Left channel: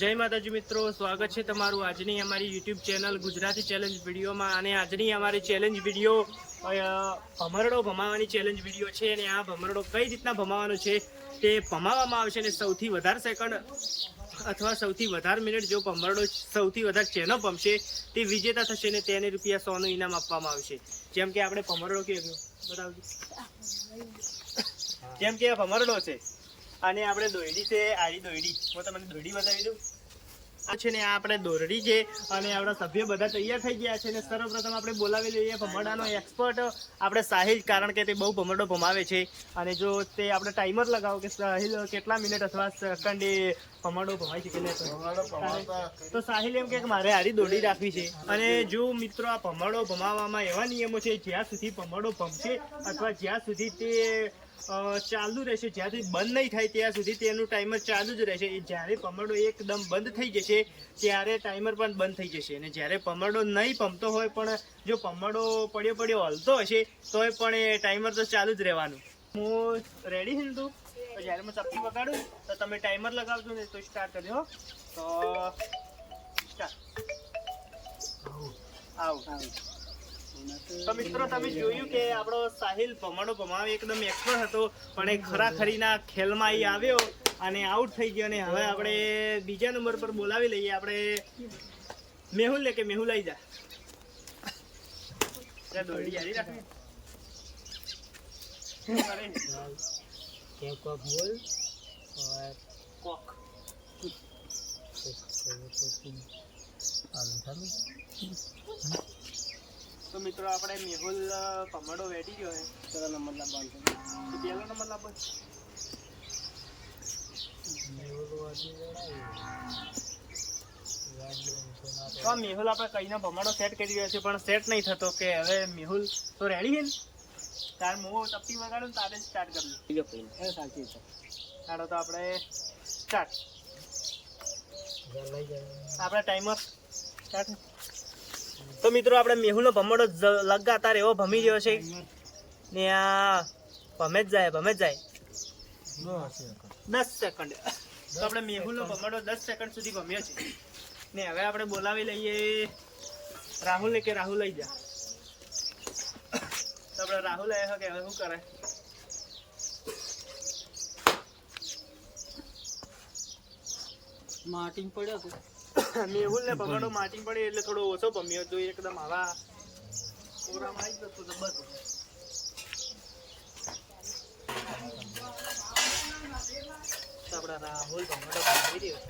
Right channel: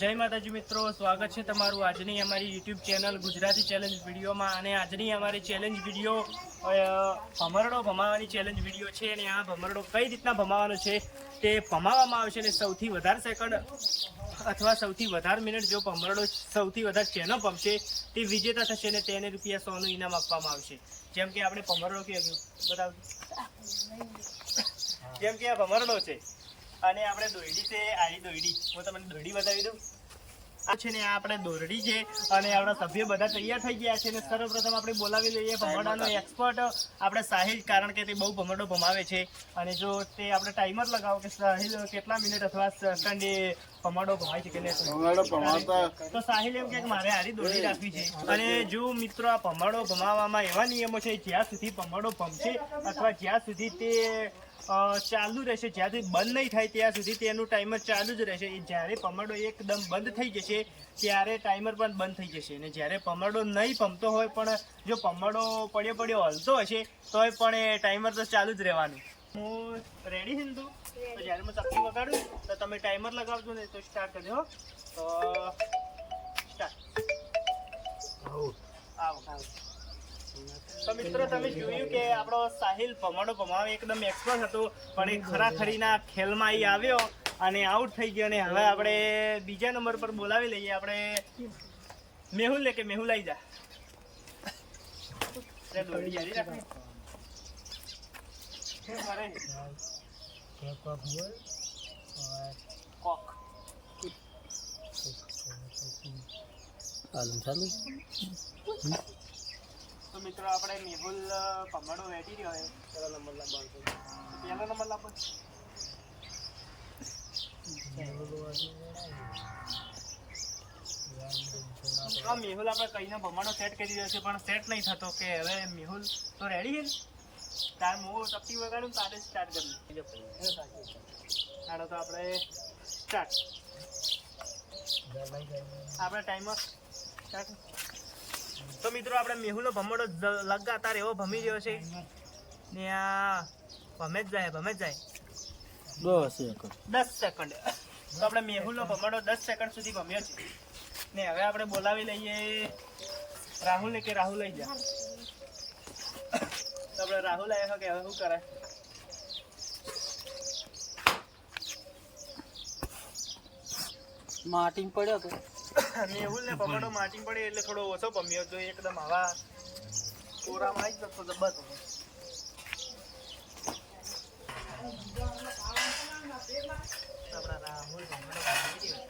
જય માતાજી મિત્રો, સ્વાગત છે તમારું આજની અમારી યુટ્યુબ ચેનલ ગુજરાતી ચેલેન્જ વિડીયોમાં. અને આજની અમારી ચેલેન્જ વીડિયો ભમરડો ભમાવાની ચેલેન્જ વીડિયો છે. અને આ ભમરડો કઈ રીતના ભમાવાનો છે તે ભમાવવામાં આવશે. અને સૌથી વધારે સેકન્ડ અથવા સૌથી વધારે મિનિટ જો ભમરડો સૌથી વધારે ચેનો પમશે તે વિજેતા થશે અને તેને રૂપિયા સોનું ઇનામ આપવામાં આવશે. જેમ કે આપણે ભમરડો કે બતાવજો જેમ કે આ ભમરડો છે. અને આપણે દોયડી છે આરી દોયડી. હું તમને દોયડી બતાવી દઉં. આ છે ને આ આપણે દોરડી છે અને આપણા સભ્ય બધા તૈયાર થઈ ગયા છે અને સર્વપ્રથમ આપણે બોલાવી લઈએ ભમરડાનો એક્સપર્ટ આપણે સાહિલ કારણ કે તે બહુ ભમરડો ભમાવે છે. અને જો તે આપણે ટાઈમર લગાવો કે સાહિલ કેટલા મિનિટ અથવા સેકન્ડ ભમરડો ભમાઈ શકે તો સાહિલ એમ કે મારે હારી દોડી રાખવી છે. અને જો મિત્રો આ ભમરડો ભમાવવામાં એવા નિયમો છે જ્યાં સુધી ભમરડો ભમશે અથવા જ્યાં સુધી તે ચાલુ રહેશે. જ્યાં સુધી બંધ નહીં થાય ત્યાં સુધી તેનું ટાઈમર ચાલુ જ રહેશે. એ જ્યારે પમરડો એકદમ બંધ થઈ જશે ત્યારે ટાઈમર પણ બંધ થઈ જશે. અને જ્યારે પમરડો નહીં પમતો હોય પણ જો પમરડો પડ્યો પડ્યો હલતો હશે તોય પણ એ ટાઈમર તો ચાલુ જ રહેવાનું. હું રેડી છું તું? જ્યારે મેં ચપટી વગાડું તો તમે ટાઈમર લગાવજો ને તો સ્ટાર્ટ કરજો. તો સ્ટાર્ટ આવું. તો મિત્રો તમે જોયું કે આપણો સાહિલ ભમરડો ભમાવે એકદમ એક્સપર્ટ હતો, પણ એ ખરાખરીના ખેલમાં એ આવ્યો અને આઉટ થઈ ગયો અને હવે આપણે બીજા નંબર પર બોલાવી લઈએ. આપણે મેહુલ લે કે મેહુલ આવી જા દોડી જારી રાખે. કરે? કોક. તો મિત્રો આપણે મેહુલ પમડો વેઠી રહ્યો છે પહેલો નંબર લાવવાનો તો પહેલો નંબર લાવો. છે? તો મેહુલ આપણે કહીને ભમાડો સેટ કરી રહ્યો છે પણ સેટ નહીં થતો કે હવે મેહુલ તો રેડી છે ને? તાર મો ચપટી વગાડું તારે સ્ટાર્ટ કરવું. ચાલો તો આપણે સ્ટાર્ટ આપણે ટાઈમર સ્ટાર્ટ તો મિત્રો આપણે મેહુલનો ભમડો લગાતાર એવો ભમી રહ્યો છે. ને આ ભમે જ જાય ભમે જ જાય. દસ સેકન્ડ તો આપણે મેહુલનો ભમડો દસ સેકન્ડ સુધી ભમ્યો છે. ને હવે આપણે બોલાવી લઈએ રાહુલ કે રાહુલ લઈ જા. તો આપણે રાહુલ આવ્યો કે હવે શું કરે? માટી પડ્યો તો મેહુલ ને ભમરડો માટી પડે એટલે થોડો ઓછો પમ્યો. તો એકદમ હવા કોરામાં આવી જતો તો બસ. રાહુલ ભમરડો ભમાવી રહ્યો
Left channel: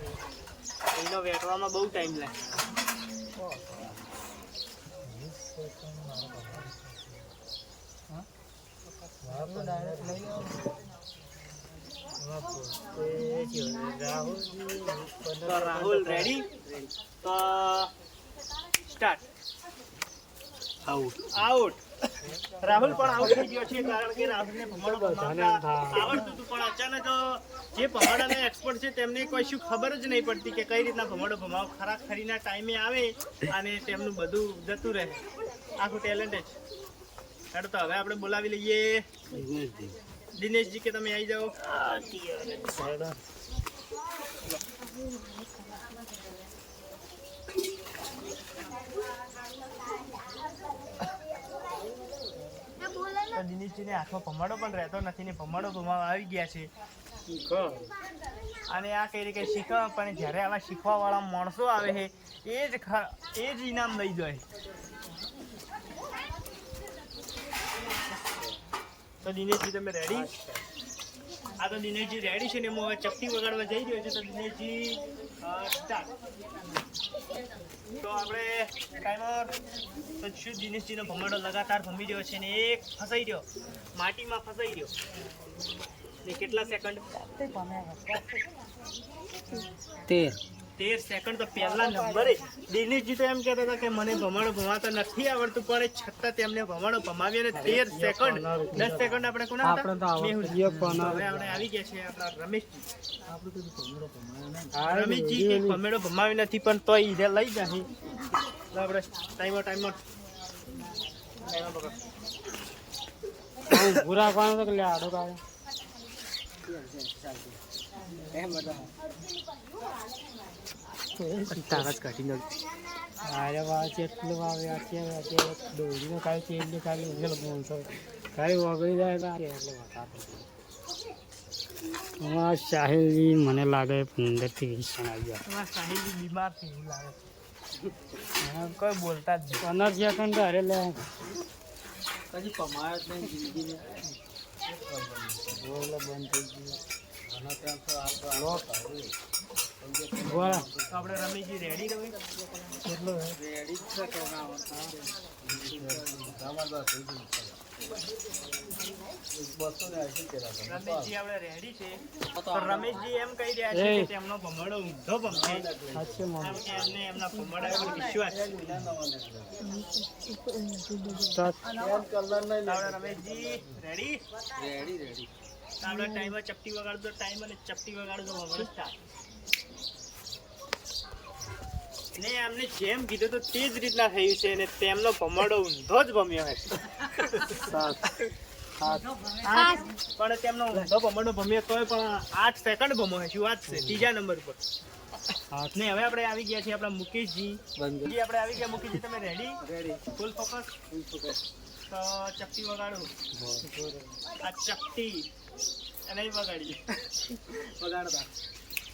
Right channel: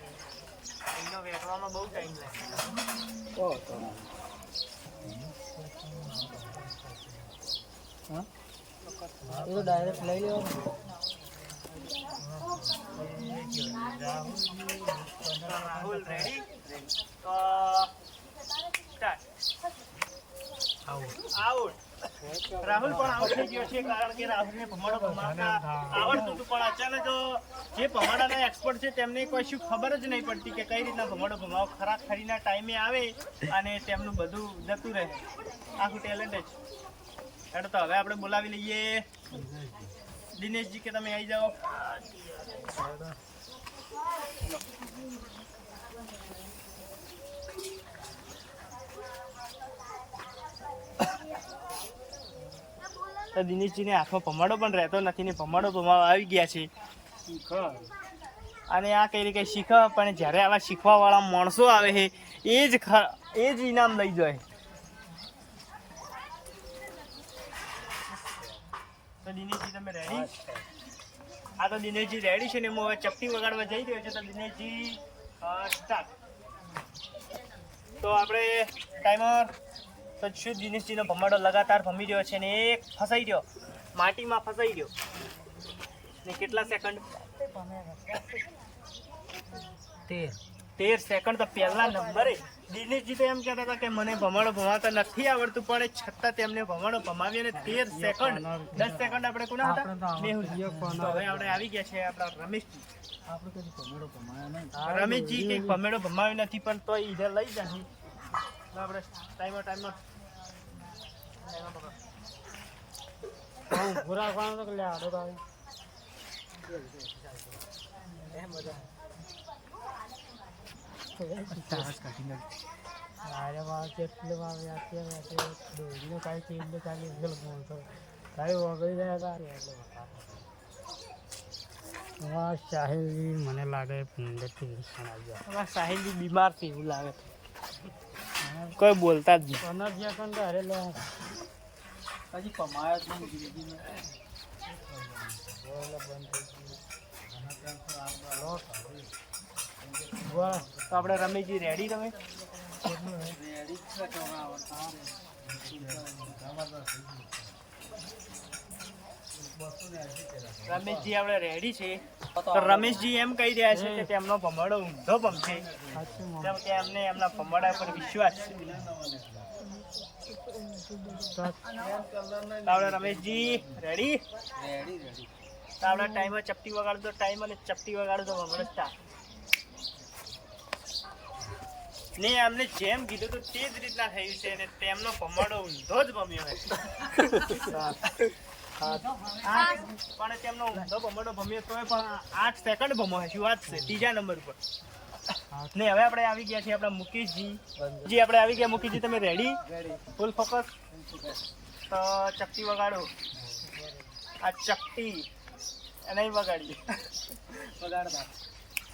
એનો વેટવામાં બહુ ટાઈમ લાગે. ડાયરેક્ટ લઈ લો. રાહુલ સ્ટાર્ટ આઉટ રાહુલ પણ આઉટ થઈ ગયો છે કારણ કે રાહુલને ભમાડો ભમાવતા આવડતું હતું પણ અચાનક જે ભમાડાના એક્સપર્ટ છે તેમને કોઈ શું ખબર જ નહીં પડતી કે કઈ રીતના ભમાડો ભમાવ ખરા ખરીના ટાઈમે આવે અને તેમનું બધું જતું રહે. આખું ટેલેન્ટ જ. હેડો તો હવે આપણે બોલાવી લઈએ. દિનેશજી કે તમે આવી જાઓ? તો દિનેશજીને હાથમાં ભમાડો પણ રહેતો નથી ને ભમાડો ભમાવા આવી ગયા છે. અને આ કઈ રીતે શીખવા? પણ જ્યારે આવા શીખવાવાળા માણસો આવે છે એ જ એ જ ઇનામ લઈ જાય. તો દિનેશજી તમે રેડી આ તો દિનેશજી રેડી છે ને હું હવે ચપટી વગાડવા જઈ રહ્યો છું તો દિનેશજી સ્ટાર્ટ તો આપણે ટાઈમર તો શું દિનેશજીનો ભમાડો લગાતાર ભમી રહ્યો છે ને એક ફસાઈ રહ્યો. માટીમાં ફસાઈ રહ્યો. ને કેટલા સેકન્ડ તેર. તેર સેકન્ડ તો પહેલા નંબરે દિનેશજી તો એમ કહેતા હતા કે મને ભમાડો ભમાતા નથી આવડતું પણ છતાં તેમને ભમાડો ભમાવી અને તેર સેકન્ડ દસ સેકન્ડ આપણે કોના હતા? તો હવે આપણે આવી ગયા છે આપણા રમેશજી. આપણે કદી ભમેડો ભમાયો નહીં. રમેશજી કંઈક ભમેડો ભમાવી નથી પણ તોય ઈધે લઈ જશે તો આપણે ટાઈમર ટાઈમર ભૂરા પાડો તો કે લે આડો પાડો. તારા જ કાઢી નાખ આરે વાળ કેટલું આવે અત્યારે અત્યારે દોડીને ખાલી છે એટલે ખાલી ઉમેર બોલતો ખાલી વગડી જાય તો એટલે સાહિલજી મને લાગે પંદરથી વીસ જણ આવી ગયા અમારા સાહિલજી બીમાર એવું લાગે કોઈ બોલતા જ નહીં. પંદર સેકન્ડ ઘરે લે. હજી પમાયો જ નહીં જિંદગીને. બોલ તો આપણે રમેશજી રેડી તમે? રેડી છે તો રમેશજી આપણે રેડી છે. રમેશજી એમ કહી રહ્યા છે કે તેમનો ભમરડો ઊંધો ભમશે કેમ કે એમને એમના ભમડા પર વિશ્વાસ છે. રમેશજી રેડી રેડી રેડી આપણે ટાઈમર ચપટી વગાડો તો ટાઈમ અને ચપટી વગાડો તો ભમરડો ને એમને જેમ કીધું તો તે જ રીતના થયું છે અને તેમનો ભમરડો ઊંધો જ ભમ્યો છે પણ તેમનો ઊંધો ભમણો ભમ્યો તોય પણ આઠ સેકન્ડ ભમો શું વાત છે? ત્રીજા નંબર ઉપર. ને હવે આપણે આવી ગયા છીએ આપણા મુકેશજી. જી આપણે આવી ગયા. મુકેશજી તમે ready ready full focus full focus તો ચપટી વગાડો. આ ચપટી. નહીં વગાડી. વગાડતા.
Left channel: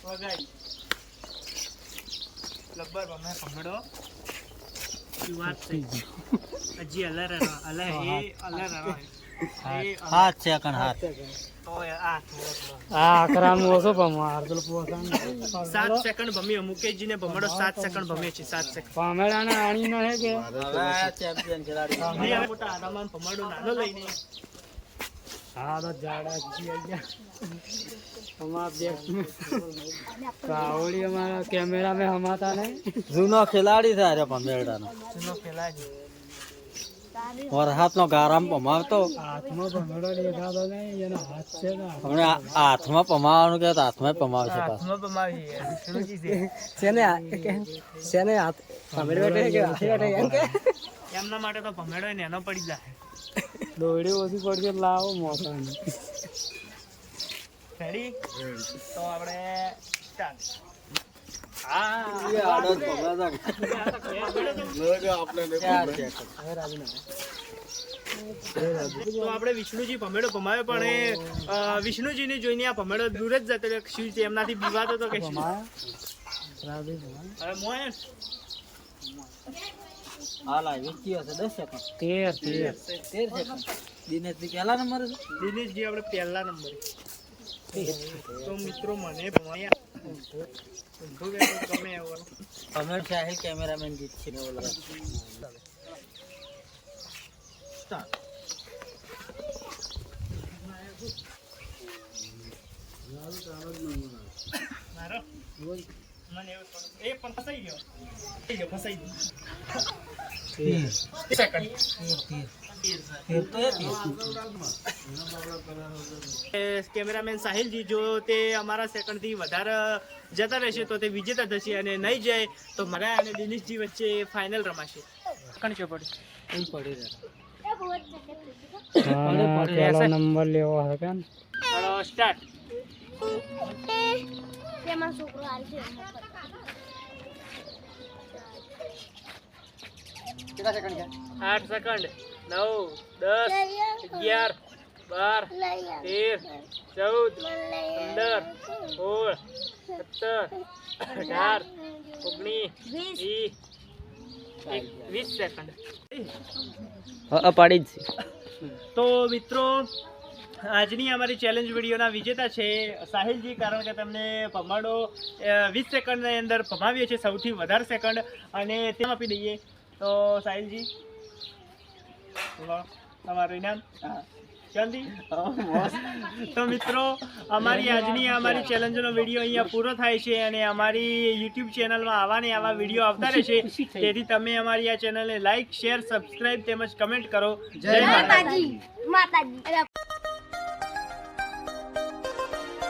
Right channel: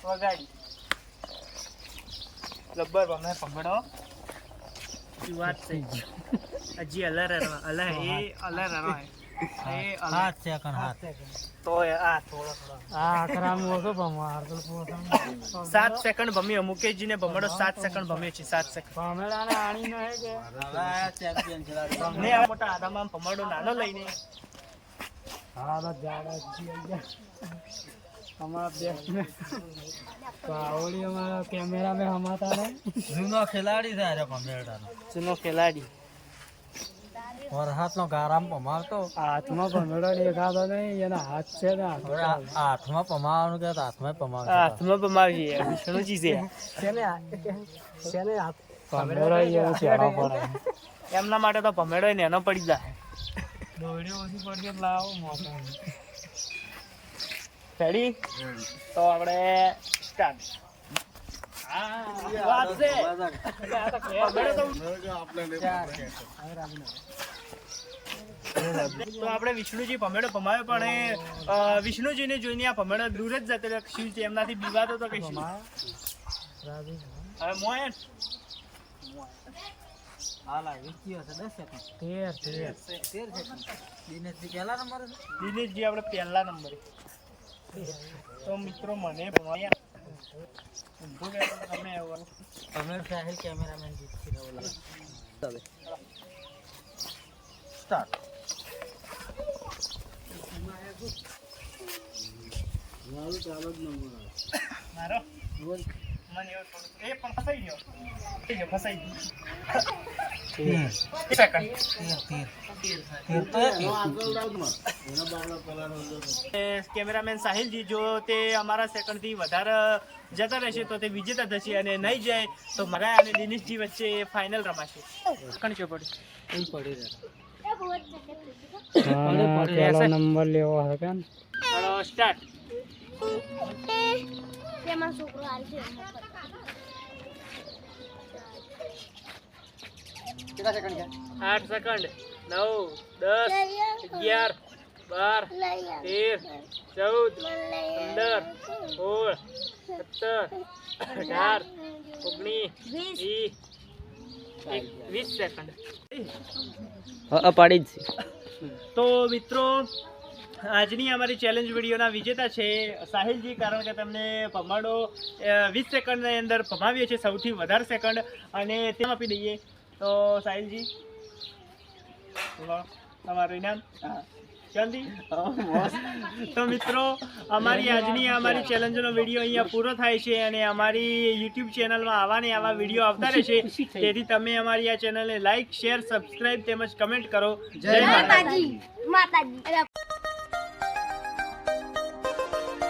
વગાડી. ગબ્બર ભમે ભમડો શું વાત છે? હજી અલર અલર એ અલર અલર સેકન્ડ હાથ તો આ થોડો આ આકરામાં ઓછો પણ તો પોતાનું સાત સેકન્ડ ભમ્યો મુકેશજીને ભમડો સાત સેકન્ડ ભમ્યો છે સાત સેકન્ડ. પામેલાને આણી ન હે કે? મેં આ મોટા આદામાં ભમરડો નાનો લઈને. હા તો જાડા જી અમારા બેસ્ટ અમારા કેમેરા में હમાતા નહીં. જૂનો ખેલાડી છે પમેરડાનો જૂનો ખેલાડી. વરસાદનો ગારામ પમાવતો. હાથમાં ભમરડો દેખાતો નહીં એના હાથ છે ને અને હાથમાં પમાવાનું કે હાથમાં પમાવશે હાથમાં પમાવીએ વિષ્ણુજી છે. શેને શેને હાથ. એમના માટે તો ભમેડો ને એનો પડી જાય. દોડી ઓછી પડશે લાવો મોટાની રેડી તો આપણે સ્ટાર્ટ તો આપણે વિષ્ણુજી ભમેડો ભમાયો પણ એ વિષ્ણુજીને જોઈને આ ભમેડો દૂર જ જતો રહ્યો. શું છે એમનાથી બીવાતો તો કે શું? હવે મોયન. દિનેશજી આપણે પહેલા નંબરે. તો મિત્રો મને ભમાયા. ઊંધો ક્યાં કેમેરામેન જીત છે ચાલે. સ્ટાર્ટ મારો? મને એવું થોડું એ પણ ફસાઈ ગયો. ફસાઈ ગયો ફસાઈ ગયો. સેકન્ડ કેમેરામેન સાહિલજી જો તે અમારા સેકન્ડથી વધારે જતા રહેશે તો તે વિજેતા થશે અને નહીં જાય તો મારા અને દિનેશજી વચ્ચે ફાઇનલ રમાશે. કણ છે એમ પડી નંબર લેવો કે સ્ટાર્ટ તેમાં છોકરો છે. સેકન્ડ નવ દસ અગિયાર બાર તેર ચૌદ પંદર સોળ સત્તર અઢાર ઓગણીસ વીસ. એક- વીસ સેકન્ડ અપાડી જ તો મિત્રો આજની અમારી ચેલેન્જ વિડીયોના વિજેતા છે સાહિલજી કારણ કે તેમને પમાડો વીસ સેકન્ડની અંદર પમાવીએ છીએ સૌથી વધારે સેકન્ડ અને તેમ આપી દઈએ. તો સાહિલજી તમારું ઇનામ તો મિત્રો અમારી આજની અમારી ચેલેન્જનો વીડિયો અહીંયા પૂરો થાય છે અને અમારી યુટ્યુબ ચેનલમાં આવા ને આવા વીડિયો આવતા રહેશે તેથી તમે અમારી આ ચેનલને લાઈક શેર સબસ્ક્રાઈબ તેમજ કમેન્ટ કરો. જય માતાજી. માતાજી. માતાજી.